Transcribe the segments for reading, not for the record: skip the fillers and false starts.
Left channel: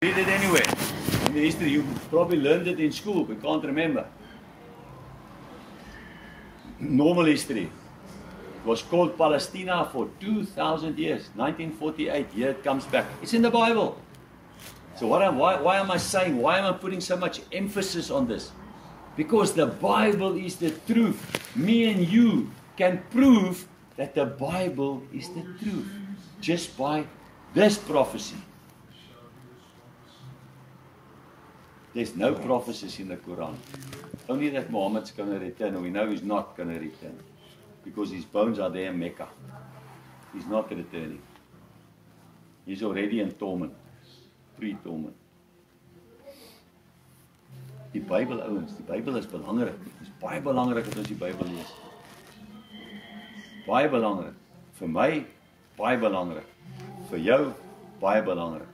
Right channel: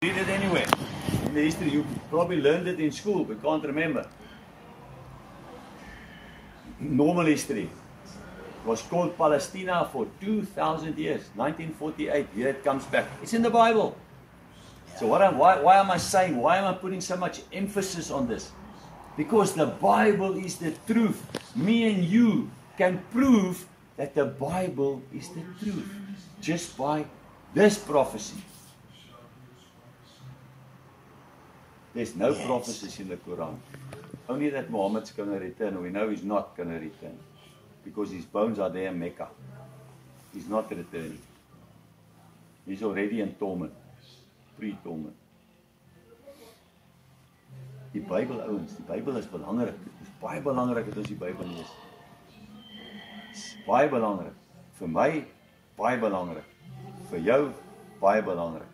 Read it anyway. In the history, you probably learned it in school, but can't remember. Normal history. It was called Palestina for 2,000 years. 1948, here it comes back. It's in the Bible. So why am I saying, why am I putting so much emphasis on this? Because the Bible is the truth. Me and you can prove that the Bible is the truth just by this prophecy. There's no prophecies in the Quran. Only that Muhammad's going to return, and we know he's not going to return. Because his bones are there in Mecca. He's not returning. He's already in torment. Pre-torment. Die Bybel, ouens, die Bybel is belangrik. Dit is baie belangrik dat ons die Bybel lees. Baie belangrik. Vir my, baie belangrik. Vir jou, baie belangrik.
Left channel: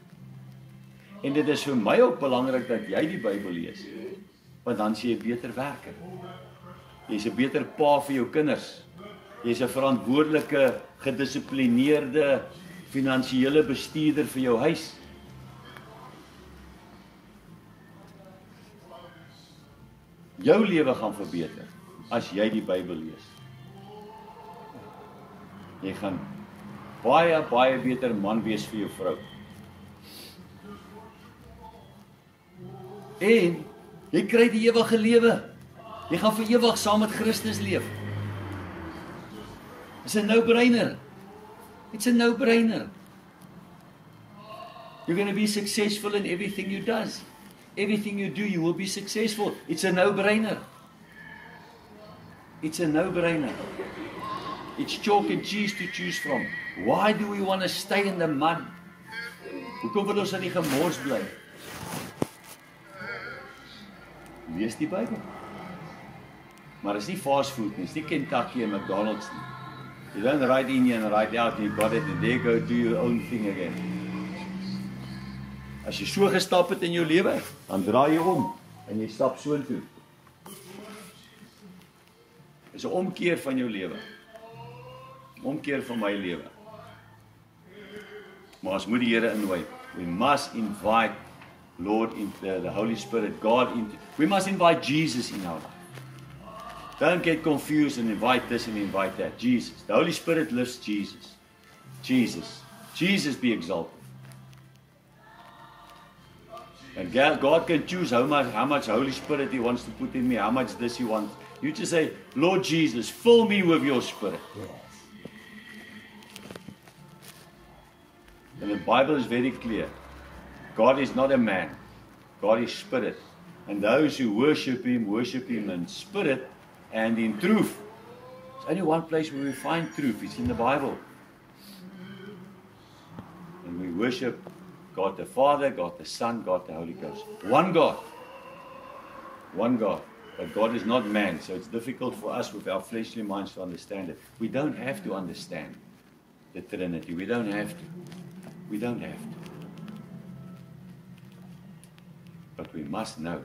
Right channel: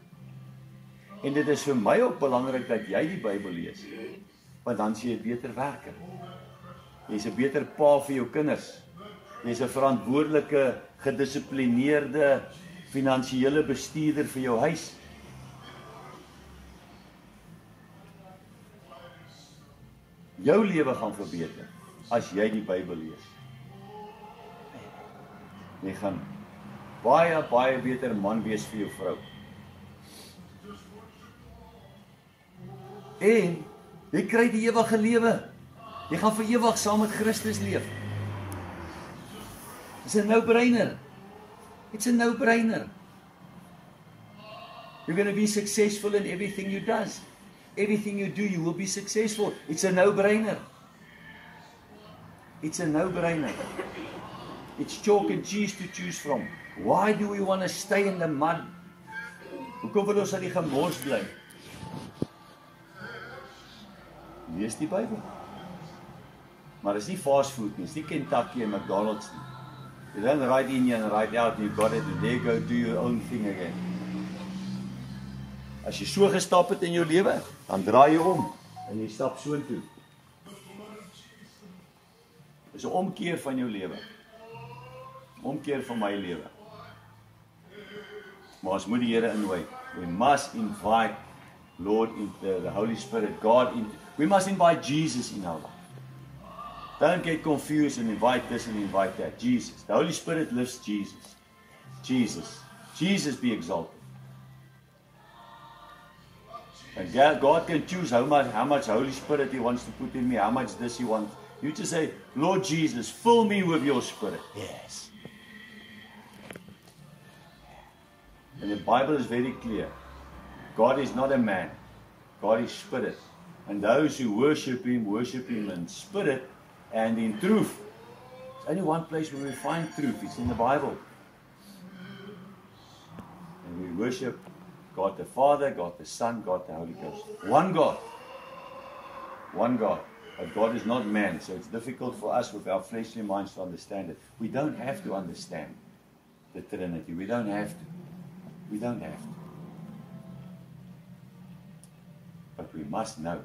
En dit is vir my ook belangrik dat jy die Bybel lees. Want dan sê jy beter werk. Jy's 'n beter pa vir jou kinders. Jy's 'n verantwoordelike, gedissiplineerde, finansiële bestuurder vir jou huis. Jou lewe gaan verbeter as jy die Bybel lees. Jy gaan baie beter man wees vir jou vrou. En jy kry die ewige lewe. Jy gaan vir ewig saam met Christus leef. It's a no-brainer. It's a no-brainer. You're going to be successful in everything you do. Everything you do, you will be successful. It's a no-brainer. It's a no-brainer. It's chalk and cheese to choose from. Why do we want to stay in the mud? Hoekom wil ons aan die gemors bly? Lees die Bybel. Maar is nie fast food nie, is nie Kentucky en McDonald's nie. You don't write in and write out, you got it, and there go do your own thing again. As jy so gestap het in jou lewe, dan draai jy om en jy stap so toe. Dis 'n omkeer van jou lewe. Omkeer van my lewe. Maar ons moet die Here inwy. We must invite Lord into the Holy Spirit, God into. We must invite Jesus in our life. Don't get confused and invite this and invite that. Jesus. The Holy Spirit lifts Jesus. Jesus. Jesus be exalted. And God can choose how much Holy Spirit He wants to put in me, how much this He wants. You just say, Lord Jesus, fill me with your Spirit. Yes. And the Bible is very clear. God is not a man. God is Spirit. And those who worship Him in spirit and in truth. There's only one place where we find truth. It's in the Bible. And we worship God the Father, God the Son, God the Holy Ghost. One God. One God. But God is not man, so it's difficult for us with our fleshly minds to understand it. We don't have to understand the Trinity. We don't have to. We don't have to. But we must know.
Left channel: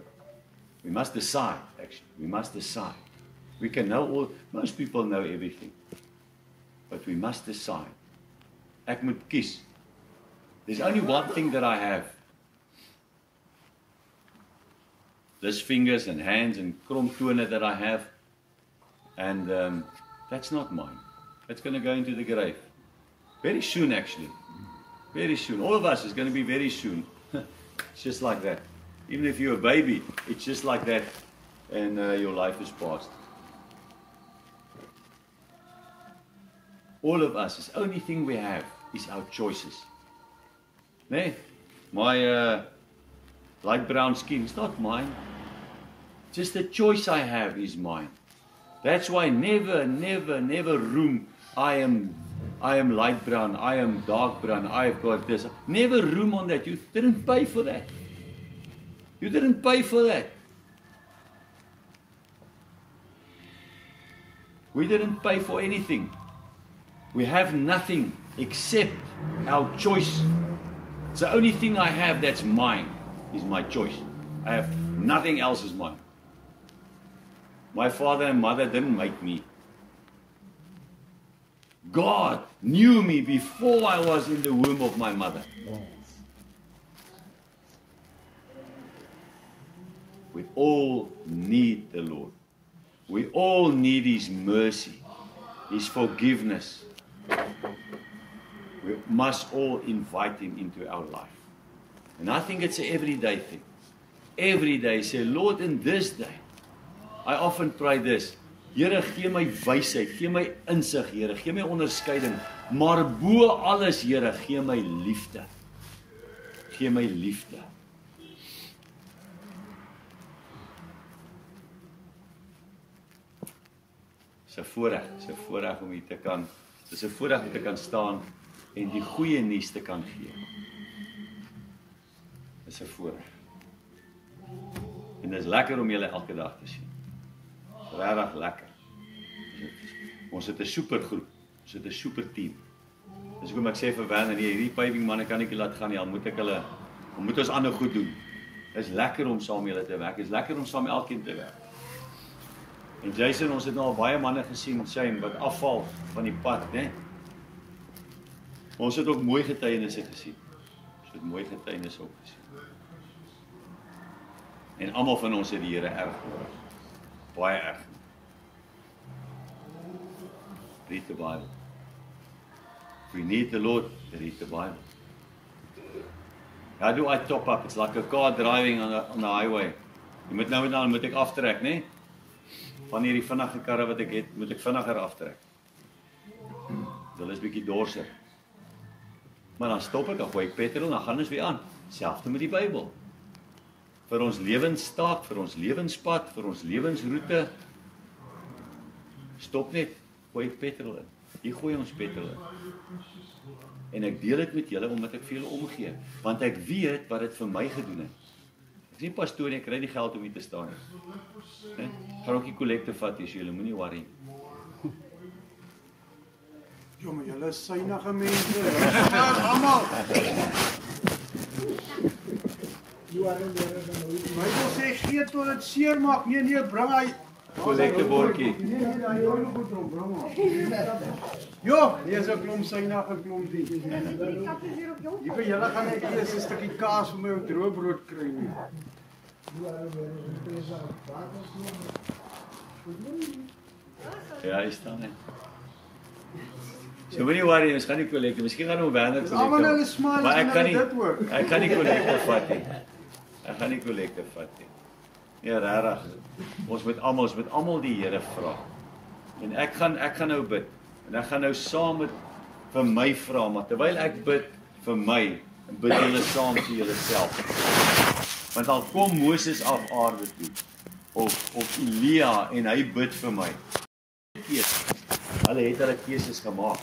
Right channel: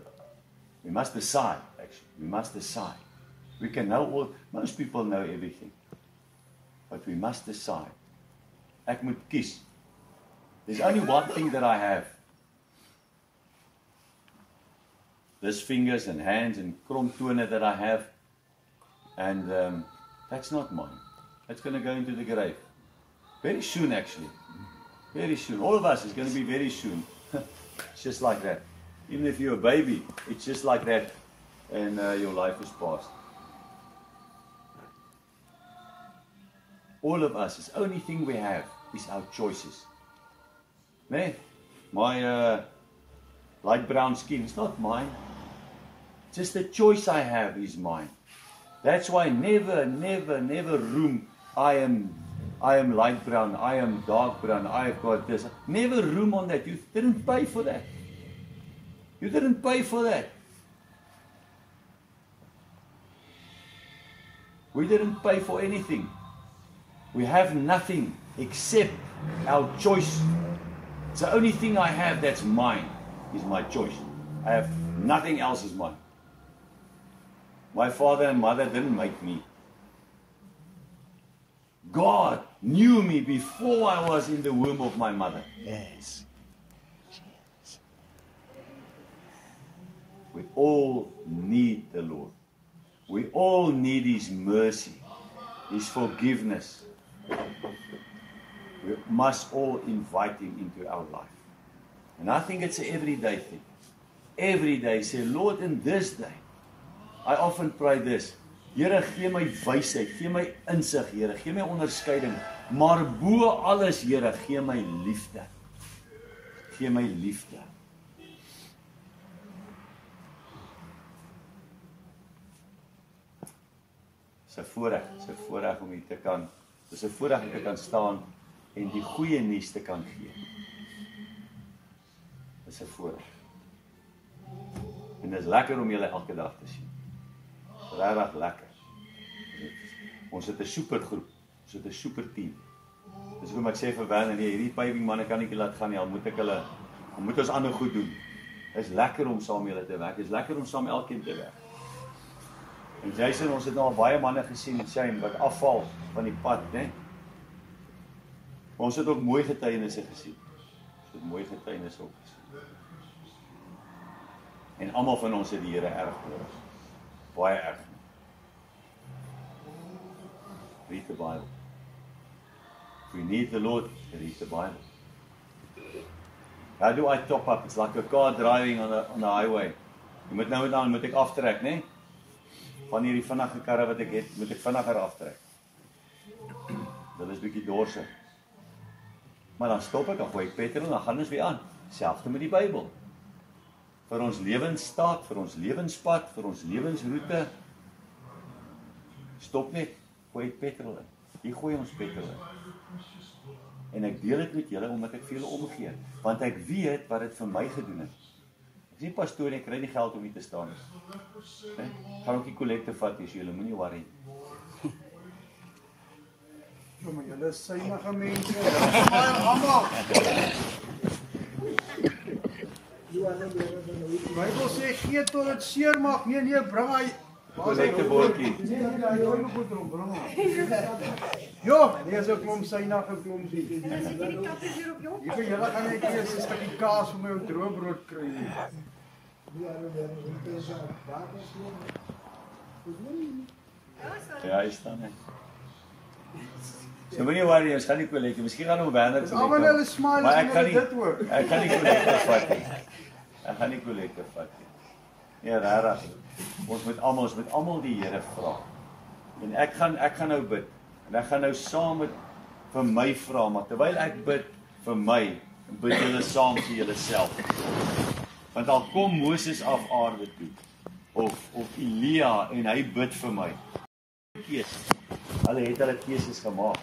We must decide, actually. We must decide. We can know all, most people know everything. But we must decide. Ek moet kies. There's only one thing that I have. This fingers and hands and kromtone that I have. And that's not mine. It's going to go into the grave. Very soon, actually. Very soon. All of us is going to be very soon. It's just like that. Even if you're a baby, it's just like that. And your life is past. All of us, the only thing we have is our choices. Nee, my light brown skin is not mine. Just the choice I have is mine. That's why never room, I am light brown, I am dark brown, I've got this. Never room on that. You didn't pay for that. You didn't pay for that. We didn't pay for anything. We have nothing except our choice. It's the only thing I have that's mine is my choice. I have nothing else is mine. My father and mother didn't make me. God knew me before I was in the womb of my mother. Yes. We all need the Lord. We all need His mercy, His forgiveness. We must all invite Him into our life. And I think it's an everyday thing. Every day, say, Lord, in this day, I often pray this, Here, gee my wysheid, gee my insig, Here, gee my onderskeiding, maar bo alles, Here, gee my liefde. Gee my liefde. Dis 'n voorreg om hier te kan, dis 'n voorreg om te kan staan en die goeie nuus te kan gee. Dis 'n voorreg. En dit is lekker om julle elke dag te sien. Regtig lekker. Ons het 'n supergroep, ons het 'n super team. Dis hoekom ek sê vir Werner, nee, hierdie paving manne kan ek nie laat gaan nie, al moet ons ander goed doen. Dit is lekker om saam met julle te werk, dit is lekker om saam met elkeen te werk. En Jason, ons het nou al baie manne gesien, Shane, wat afval van die pad, né? Ons het ook mooi getuienisse gesien. Ons het mooi getuienisse ook gesien. En almal van ons het die Here erg nodig. Baie erg. Read the Bible. If we need the Lord, read the Bible. How do I top up? It's like a car driving on the highway. Jy moet nou en dan moet ek aftrek, né? Van hierdie vinnige karre wat ek het, moet ek vinniger aftrek. Hulle is bietjie dorsig. Maar dan stop ek, dan gooi ek petrol en dan gaan ons weer aan. Selfs met die Bybel. Vir ons lewensstaat, vir ons lewenspad, vir ons lewensroete. Stop net, gooi ek petrol in. Hier gooi ons petrol in. En ek deel dit met julle omdat ek vir julle omgee, want ek weet wat dit vir my gedoen het. Ek is nie pastoor, ek kry nie geld om hier te staan nie. Gaan ook die kollekte vat, so julle moenie worry. Jo, maar julle is synige mense. Almal. Die Bybel sê gee tot dit seer maak. Nee, bring hy Kollekte bordjie. Nee, hy hou nog goed om, bring hom. Jo, hier is 'n klomp synige klompie. Hier vir julle gaan ek eers 'n stukkie kaas vir my ou droëbrood kry nie. Ja, hy staan net. So moenie worry, ons gaan nie kollekte. Miskien gaan ons Werner kollekte. Almal hulle smile Maar as ek kan hulle nie dit hoor. Ek gaan nie kollekte vat nie. Ek gaan nie kollekte vat nie. Nee, regtig. Ons moet almal die Here vra. En ek gaan nou bid. En ek gaan nou saam met vir my vra, maar terwyl ek bid vir my, bid julle saam vir julleself. Want al kom Moses af aarde toe, of Elia en hy bid vir my. Hulle het hulle keuses gemaak.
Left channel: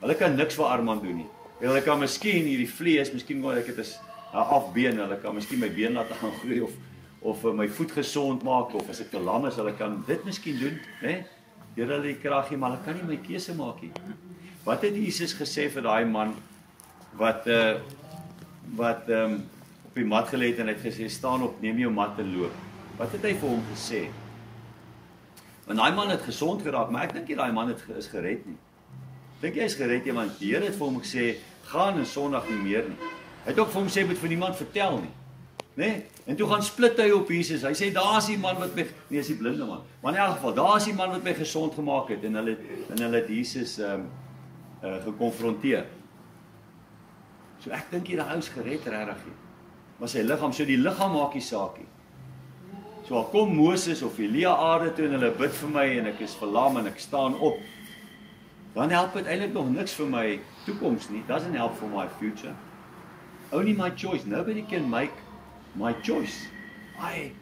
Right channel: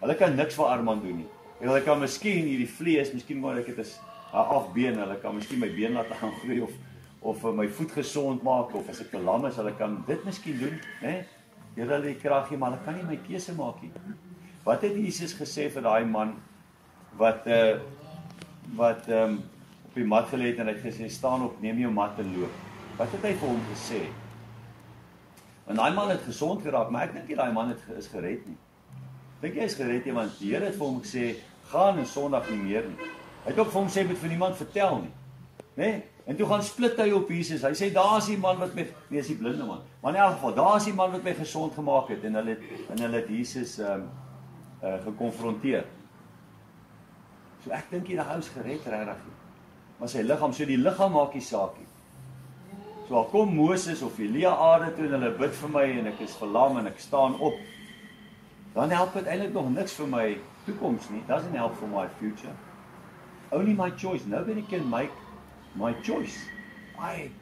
Hulle kan niks vir Armand doen nie. Hulle kan miskien hierdie vlees, miskien moet ek dit is afbeen, hulle kan miskien my been laat gaan groei of my voet gesond maak of as ek te lam is, hulle kan dit miskien doen, né? Deur hulle die krag gee, maar hulle kan nie my keuse maak nie. Wat het Jesus gesê vir daai man wat op die mat gelê het en hy het gesê staan op, neem jou mat en loop. Wat het hy vir hom gesê? Want daai man het gesond geraak, maar ek dink nie daai man is gered nie. Dink jy is gered nie, want die Here het vir hom gesê gaan en Sondag nie meer nie. Hy het ook vir hom sê moet vir niemand vertel nie. Né? En toe gaan split hy op Jesus. Hy sê daar's die man wat my nee, is die blinde man. Maar in elk geval, daar's die man wat my gesond gemaak het en hulle het Jesus gekonfronteer. So ek dink hierdie ou is gered regtig. Maar sy liggaam, so die liggaam maak nie saak nie. So al kom Moses of Elia aarde toe en hulle bid vir my en ek is verlam en ek staan op, dan help dit eintlik nog niks vir my toekoms nie. Doesn't help for my future. Only my choice. Nobody can make my choice.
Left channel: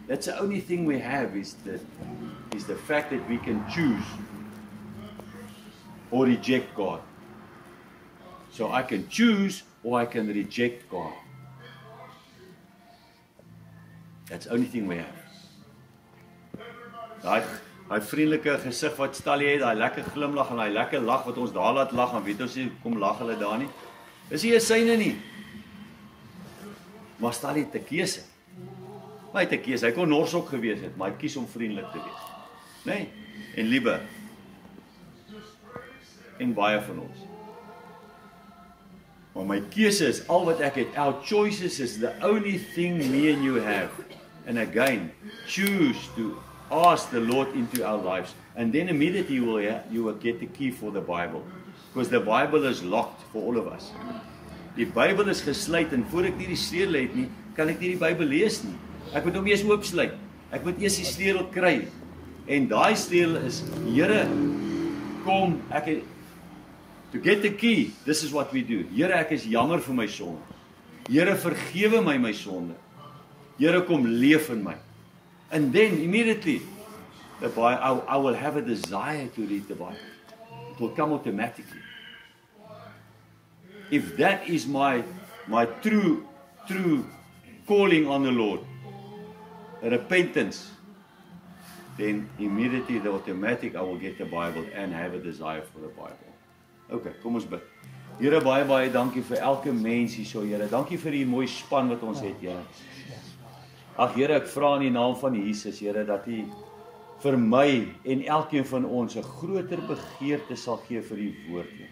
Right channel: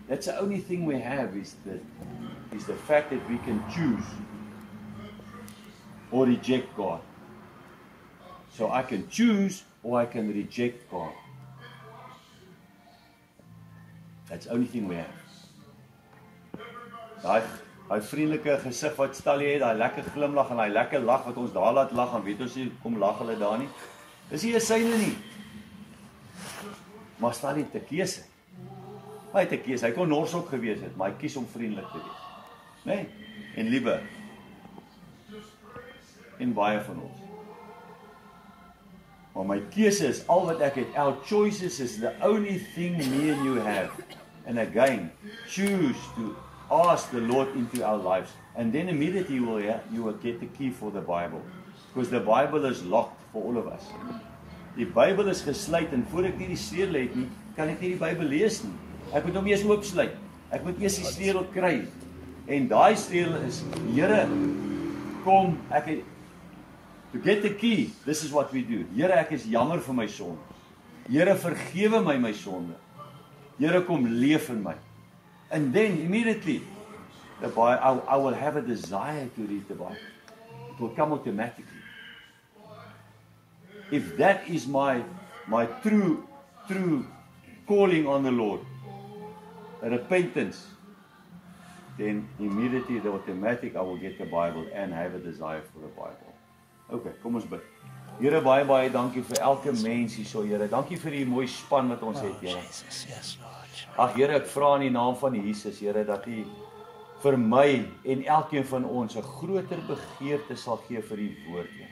That's the only thing we have is the fact that we can choose or reject God. So I can choose or I can reject God. That's the only thing we have. Daai vriendelike gesig wat Stallie het, daai lekker glimlag en daai lekker lag wat ons daar laat lag en weet ons nie kom lag hulle daar nie. Is nie 'n syne nie. Maar Stallie het 'n keuse. Hy het 'n keuse. Hy kon nors ook gewees het, maar hy kies om vriendelik te wees. Né? En liefde. En baie van ons. Maar my keuse is al wat ek het. Our choices is the only thing me and you have. and again choose to ask the Lord into our lives, and then immediately you will get the key for the Bible, because the Bible is locked for all of us. Die Bybel is gesluit, en voor ek nie die sleutel het nie, kan ek nie die Bybel lees nie. Ek moet hom eers oopsluit. Ek moet eers die sleutel kry. En daai sleutel is, Here, kom, to get the key, this is what we do. Here, ek is jammer vir my sonde. Here, vergewe my sonde. Here, kom leef in my. And then, immediately, I will have a desire to read the Bible. It will come automatically. If that is my true calling on the Lord, repentance, then immediately the automatic I will get the Bible and have a desire for the Bible. Okay, kom ons bid. Here, baie dankie vir elke mens hierso, Here. Dankie vir die mooi span wat ons het, Here. Ag Here, ek vra in die naam van Jesus, Here, dat U vir my en elkeen van ons 'n groter begeerte sal gee vir die woord, Here.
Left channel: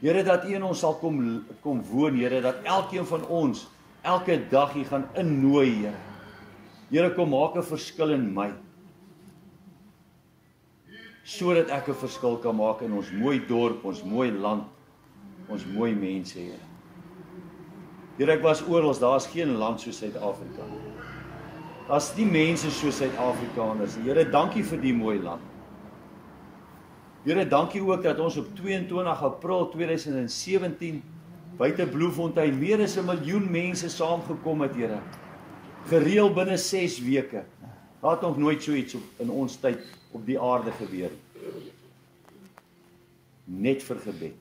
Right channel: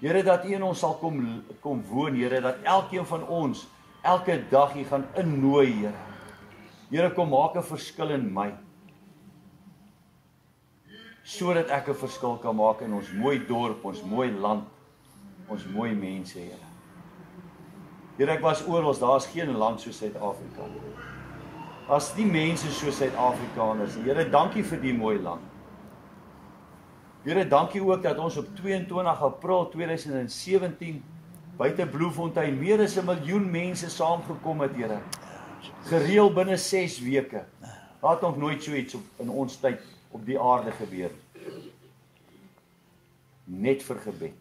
Here, dat U in ons sal kom woon, Here, dat elkeen van ons elke dag U gaan innooi, Here. Here, kom maak 'n verskil in my, sodat ek 'n verskil kan maak in ons mooi dorp, ons mooi land, ons mooi mense, Here. Here, ek was oral, daar's geen land soos Suid-Afrika. Daar's nie mense soos Suid-Afrikaners nie. Here, dankie vir die mooi land. Here, dankie ook dat ons op 22 April 2017 buite Bloemfontein meer as 1 miljoen mense saamgekom het, Here. Gereël binne 6 weke. Daar het nog nooit so iets in ons tyd op die aarde gebeur. Net vir gebed.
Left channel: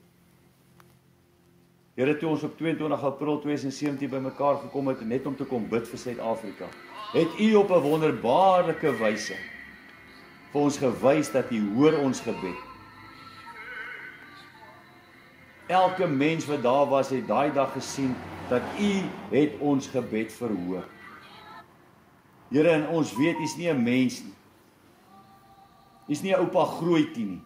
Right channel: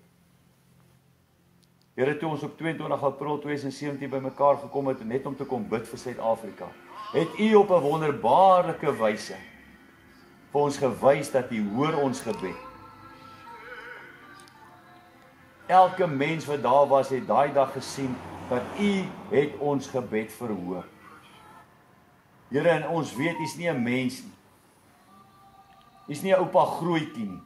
Here, toe ons op 22 April 2017 bymekaar gekom het, net om te kom bid vir Suid-Afrika, het U op 'n wonderbaarlike wyse vir ons gewys dat U hoor ons gebed. Elke mens wat daar was, het daai dag gesien dat U het ons gebed verhoor. Here, en ons weet U is nie 'n mens nie. U is nie 'n oupa grootjie nie.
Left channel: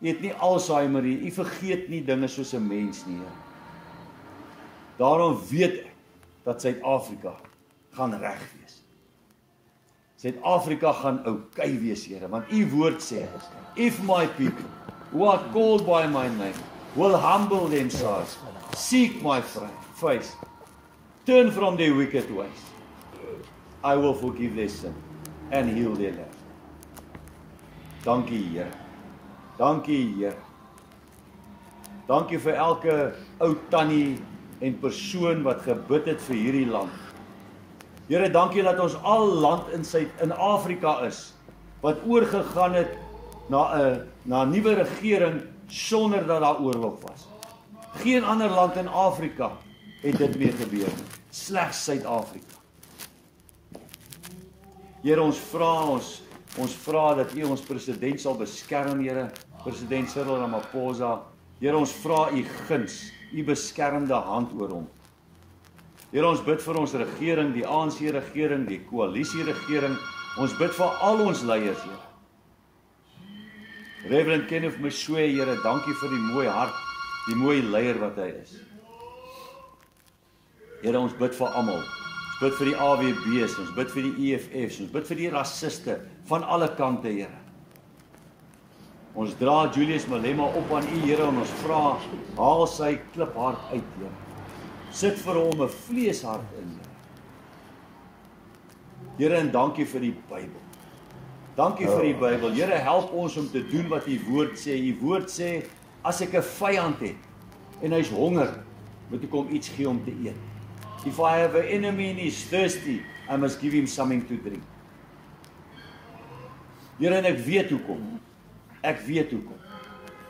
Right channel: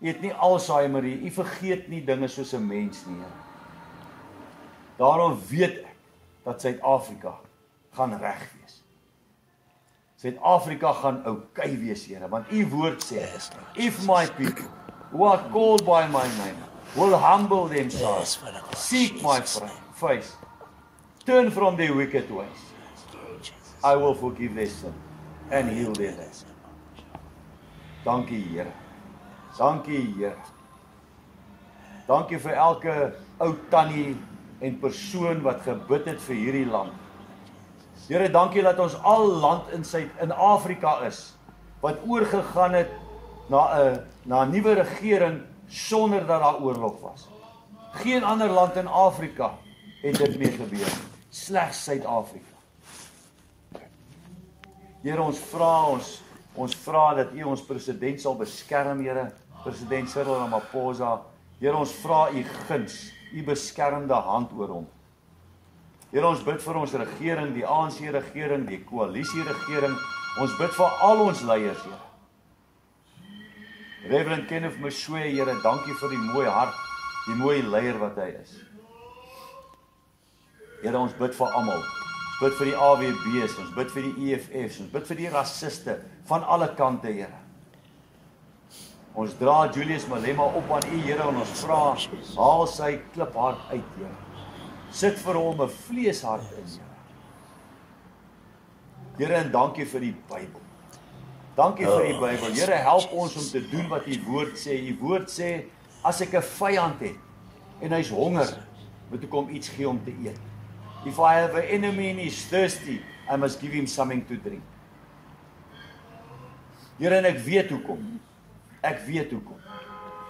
U het nie Alzheimer nie. U vergeet nie dinge soos 'n mens nie, Here. Daarom weet ek dat Suid-Afrika gaan reg wees. Suid-Afrika gaan oukei wees, Here, want U woord sê, if my people who are called by my name will humble themselves, seek my face, turn from their wicked ways, I will forgive their sin and heal their land. Dankie, Here. Dankie, Here. Dankie vir elke ou tannie en persoon wat gebid het vir hierdie land. Here, dankie dat ons al land in Afrika is, wat oorgegaan het na 'n nuwe regering sonder dat daar oorlog was. Geen ander land in Afrika het dit meer gebeur nie, slegs Suid-Afrika. Here, ons vra dat U ons president sal beskerm, Here, president Cyril Ramaphosa. Here, ons vra U guns, U beskermende hand oor hom. Here, ons bid vir ons regering, die ANC regering, die koalisie regering. Ons bid vir al ons leiers, Here. Reverend Kenneth Moswee, Here, dankie vir die mooi hart, die mooi leier wat hy is. Here, ons bid vir almal. Ons bid vir die AWB's, ons bid vir die EFF's, ons bid vir die rassiste van alle kante, Here. Ons dra Julius Malema op aan U, Here, en ons vra, haal sy kliphart uit, Here. Sit vir hom 'n vleeshart in, Here. Here, en dankie vir die Bybel. Dankie vir die Bybel. Here, help ons om te doen wat U woord sê. U woord sê, as ek 'n vyand het, en hy's honger, moet ek hom iets gee om te eet. If I have an enemy and he's thirsty, I must give him something to drink. Here, en ek weet hoekom.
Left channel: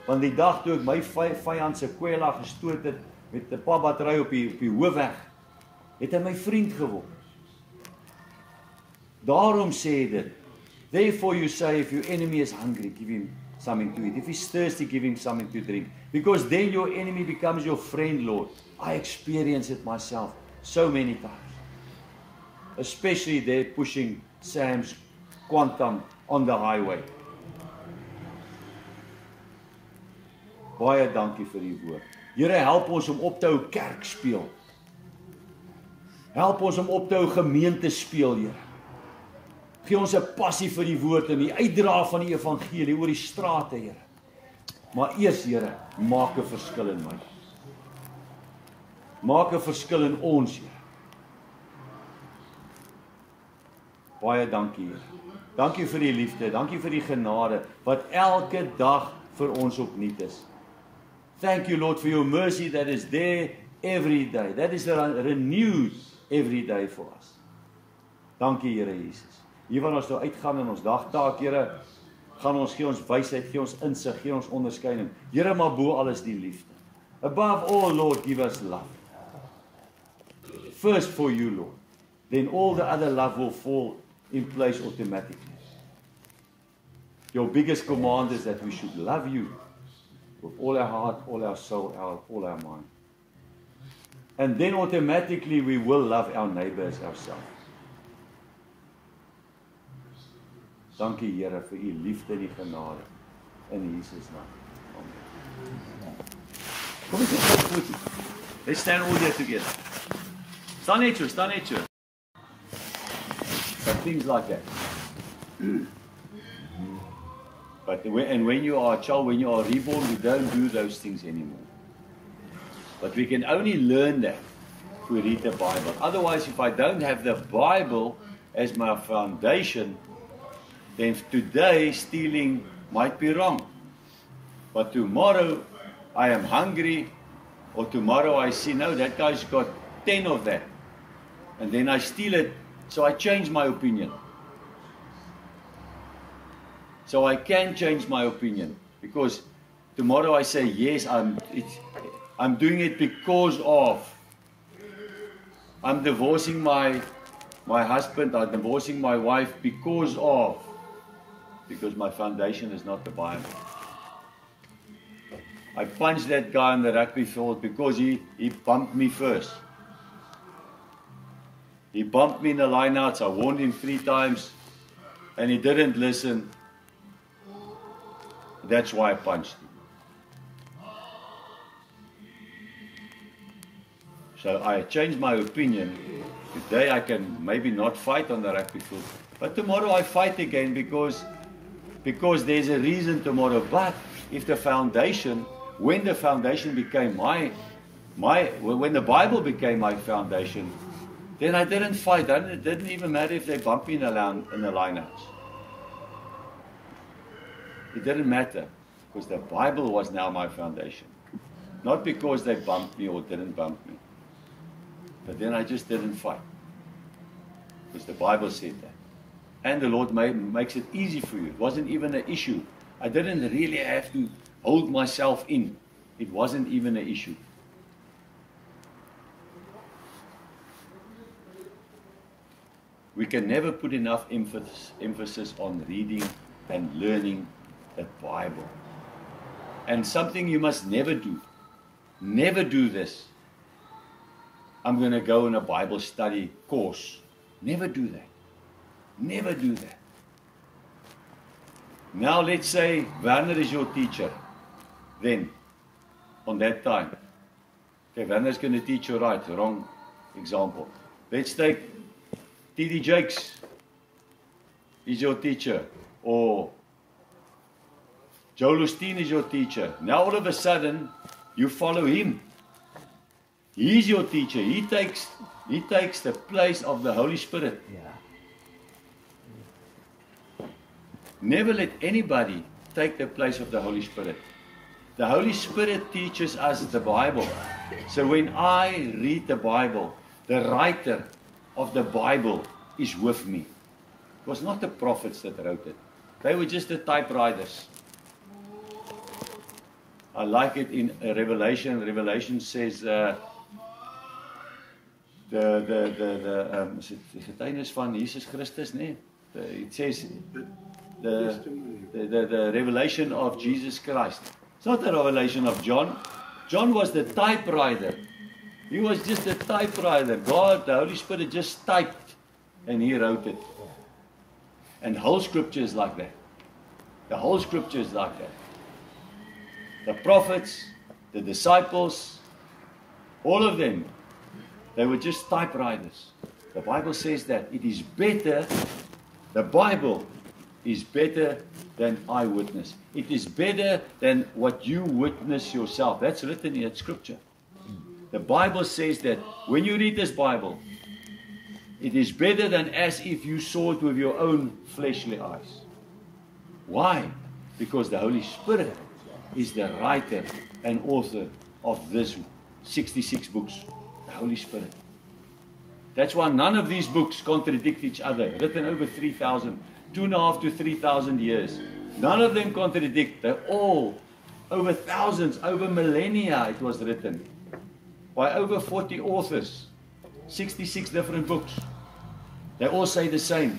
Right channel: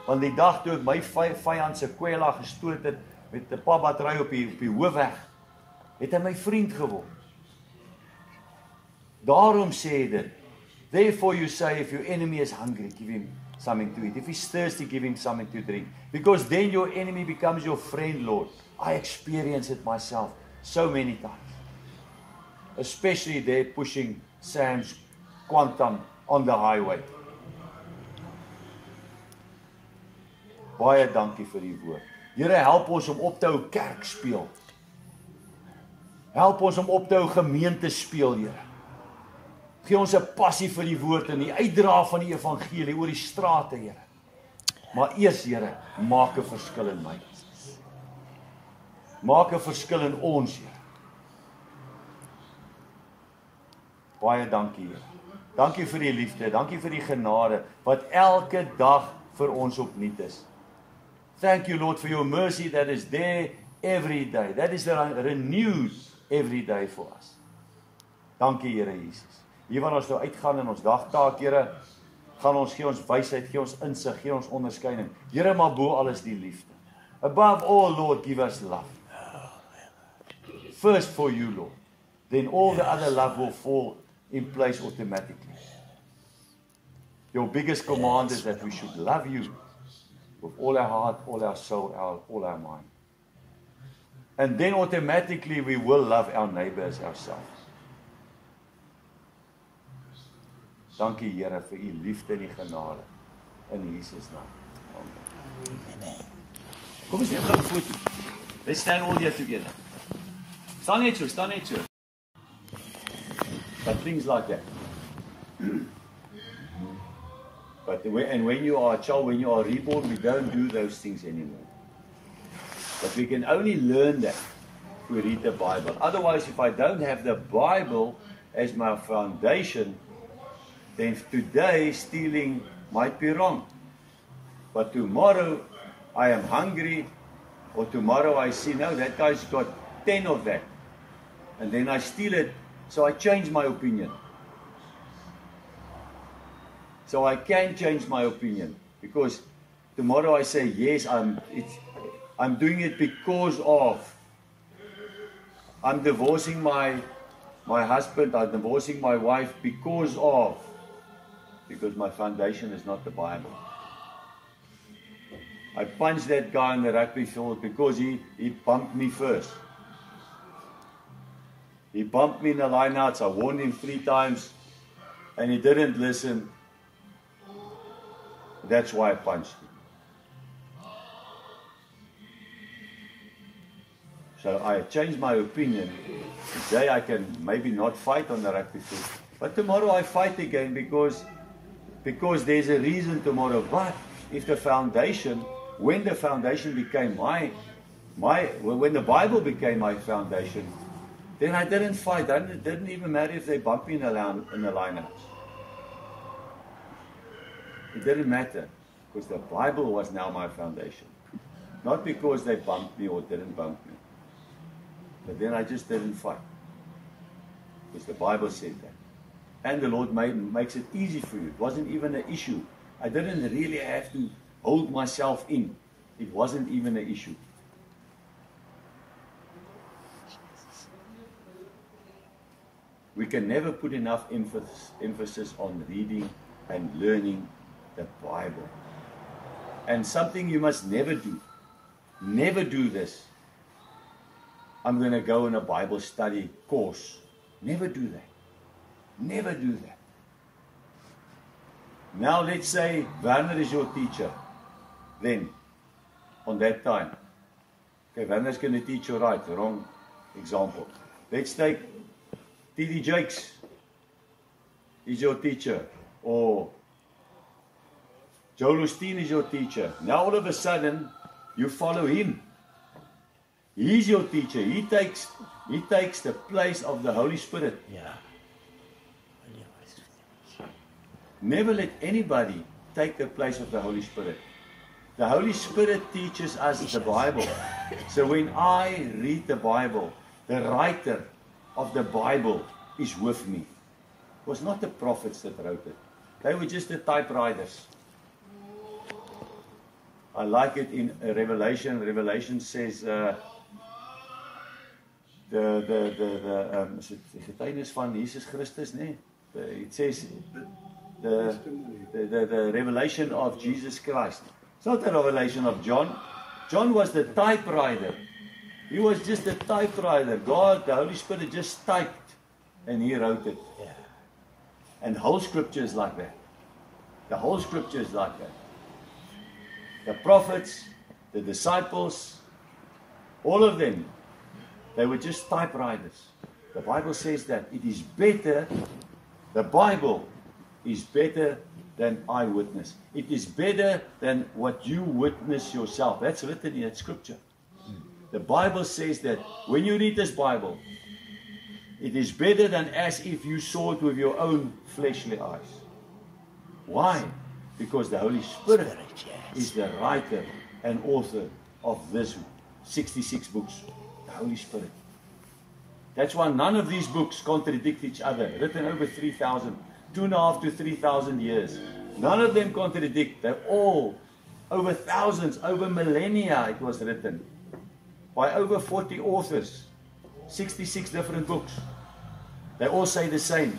Want die dag toe ek my vyand se kwela gestoot het, met 'n padbattery op die hoofweg, het hy my vriend geword. Daarom sê dit, therefore you say, if your enemy is hungry, give him something to eat. If he's thirsty, give him something to drink. Because then your enemy becomes your friend, Lord. I experience it myself so many times. Especially there pushing Sam's Quantum on the highway. Baie dankie vir die woord. Here, help ons om op te hou kerk speel. Help ons om op te hou gemeente speel, Here. Gee ons 'n passie vir die woord en die uitdra van die evangelie oor die strate, Here. Maar eers, Here, maak 'n verskil in my. Maak 'n verskil in ons, Here. Baie dankie, Here. Dankie vir die liefde, dankie vir die genade wat elke dag vir ons opnuut is. Thank you, Lord, for your mercy that is there every day. That is renewed every day for us. Dankie, Here Jesus. Hier waar ons nou uitgaan in ons dagtaak, Here, gaan ons gee ons wysheid, gee ons insig, gee ons onderskeiding. Here, maar bo alles die liefde. Above all, Lord, give us love. First for you, Lord. Then all the other love will fall in place automatically. Your biggest command is that we should love you with all our heart, all our soul, all our mind. And then automatically we will love our neighbors ourselves. Dankie, Here, vir u liefde en die genade in Jesus naam. Amen. Kom ons sit. Let's stand all here together. Staan net so. Some things like that. But when you are a child, when you are reborn, we don't do those things anymore. But we can only learn that if we read the Bible. Otherwise, if I don't have the Bible as my foundation, then today stealing might be wrong. But tomorrow I am hungry, or tomorrow I see, no, that guy's got 10 of that. And then I steal it, so I change my opinion. So I can change my opinion, because tomorrow I say, yes, I'm doing it because of. I'm divorcing my husband, I'm divorcing my wife because my foundation is not the Bible. I punched that guy on the rugby field because he bumped me first. He bumped me in the lineouts. I warned him 3 times and he didn't listen. That's why I punched him. So I changed my opinion. Today I can maybe not fight on the rugby field, but tomorrow I fight again because there's a reason tomorrow. But if the foundation, when the foundation became when the Bible became my foundation, then I didn't fight. It didn't even matter if they bumped me in the lineouts. It didn't matter because the Bible was now my foundation. Not because they bumped me or didn't bump me. But then I just didn't fight. Because the Bible said that. And the Lord makes it easy for you. It wasn't even an issue. I didn't really have to hold myself in. It wasn't even an issue. We can never put enough emphasis on reading and learning the Bible. And something you must never do. Never do this. I'm going to go on a Bible study course. Never do that. Never do that. Now let's say Werner is your teacher. Then, on that time. Okay, Werner is going to teach you right. Wrong example. Let's take T.D. Jakes. He's your teacher. Or Joel Osteen is your teacher. Now all of a sudden, you follow him. He's your teacher. He takes the place of the Holy Spirit. Yeah. Never let anybody take the place of the Holy Spirit. The Holy Spirit teaches us the Bible. So when I read the Bible, the writer of the Bible is with me. It was not the prophets that wrote it. They were just the typewriters. I like it in Revelation. Revelation says the getuienis van Jesus Christus, nee? It says the revelation of Jesus Christ. It's not the revelation of John. John was the typewriter. He was just a typewriter. God, the Holy Spirit just typed and he wrote it. And the whole scripture is like that. The whole scripture is like that. The prophets, the disciples, all of them, they were just typewriters. The Bible says that it is better The Bible is better than eyewitness. It is better than what you witness yourself. That's written in Scripture. The Bible says that when you read this Bible, it is better than as if you saw it with your own fleshly eyes. Why? Because the Holy Spirit is the writer and author of this 66 books. The Holy Spirit. That's why none of these books contradict each other. Written over 2.5 to 3,000 years. None of them contradict. They're all over thousands, over millennia it was written. By over 40 authors. 66 different books. They all say the same.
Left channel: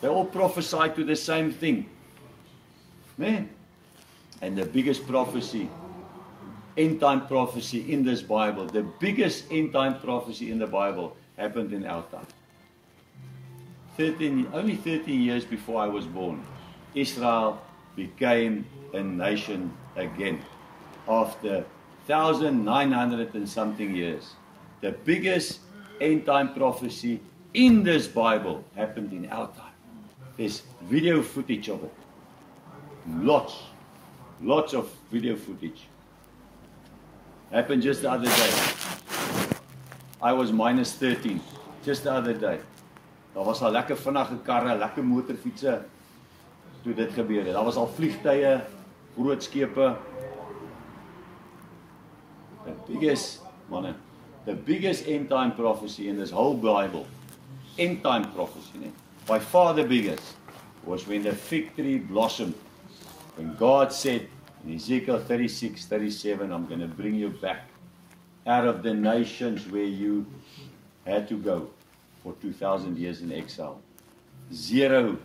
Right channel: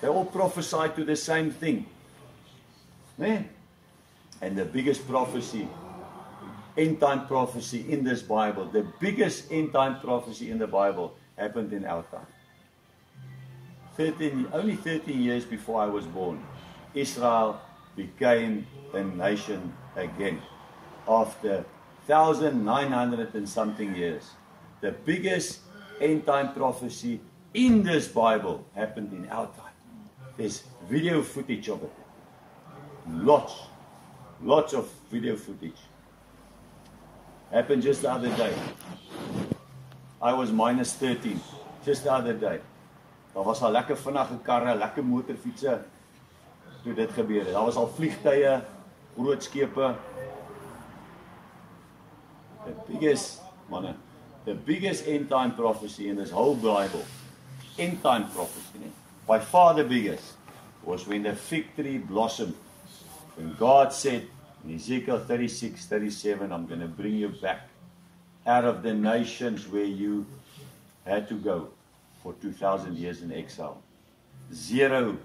They all prophesy to the same thing. Man. And the biggest prophecy, end time prophecy in this Bible, the biggest end time prophecy in the Bible happened in our time. Only 13 years before I was born, Israel became a nation again. After 1,900 and something years, the biggest end time prophecy in this Bible happened in our time. There's video footage of it. Lots of video footage. Happened just the other day. I was minus 13, just the other day. Daar was al lekker vinnige karre, lekker motorfietsse toe dit gebeur het. Daar was al vliegtuie, groot skepe. The biggest end time prophecy in this whole Bible, end time prophecy, by far the biggest, was when the fig tree blossomed. When God said in Ezekiel 36:37, I'm going to bring you back out of the nations where you had to go for 2,000 years in exile. Zero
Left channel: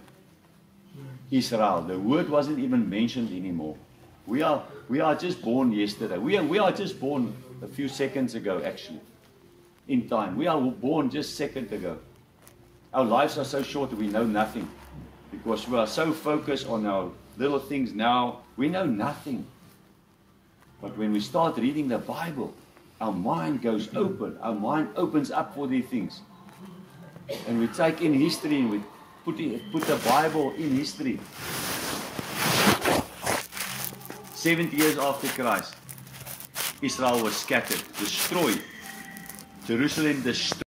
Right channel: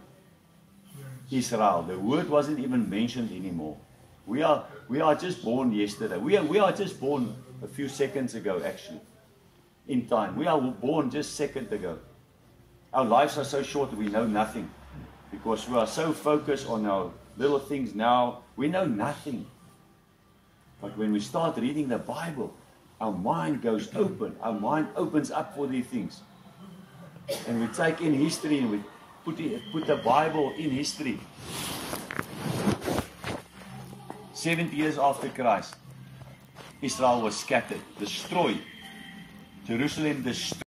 Israel. The word wasn't even mentioned anymore. We are just born yesterday. We are just born a few seconds ago, actually, in time. We are born just seconds ago. Our lives are so short that we know nothing because we are so focused on our little things now. We know nothing. But when we start reading the Bible, our mind goes open. Our mind opens up for these things. And we take in history and we put the Bible in history. 70 years after Christ, Israel was scattered, destroyed. Jerusalem destroyed.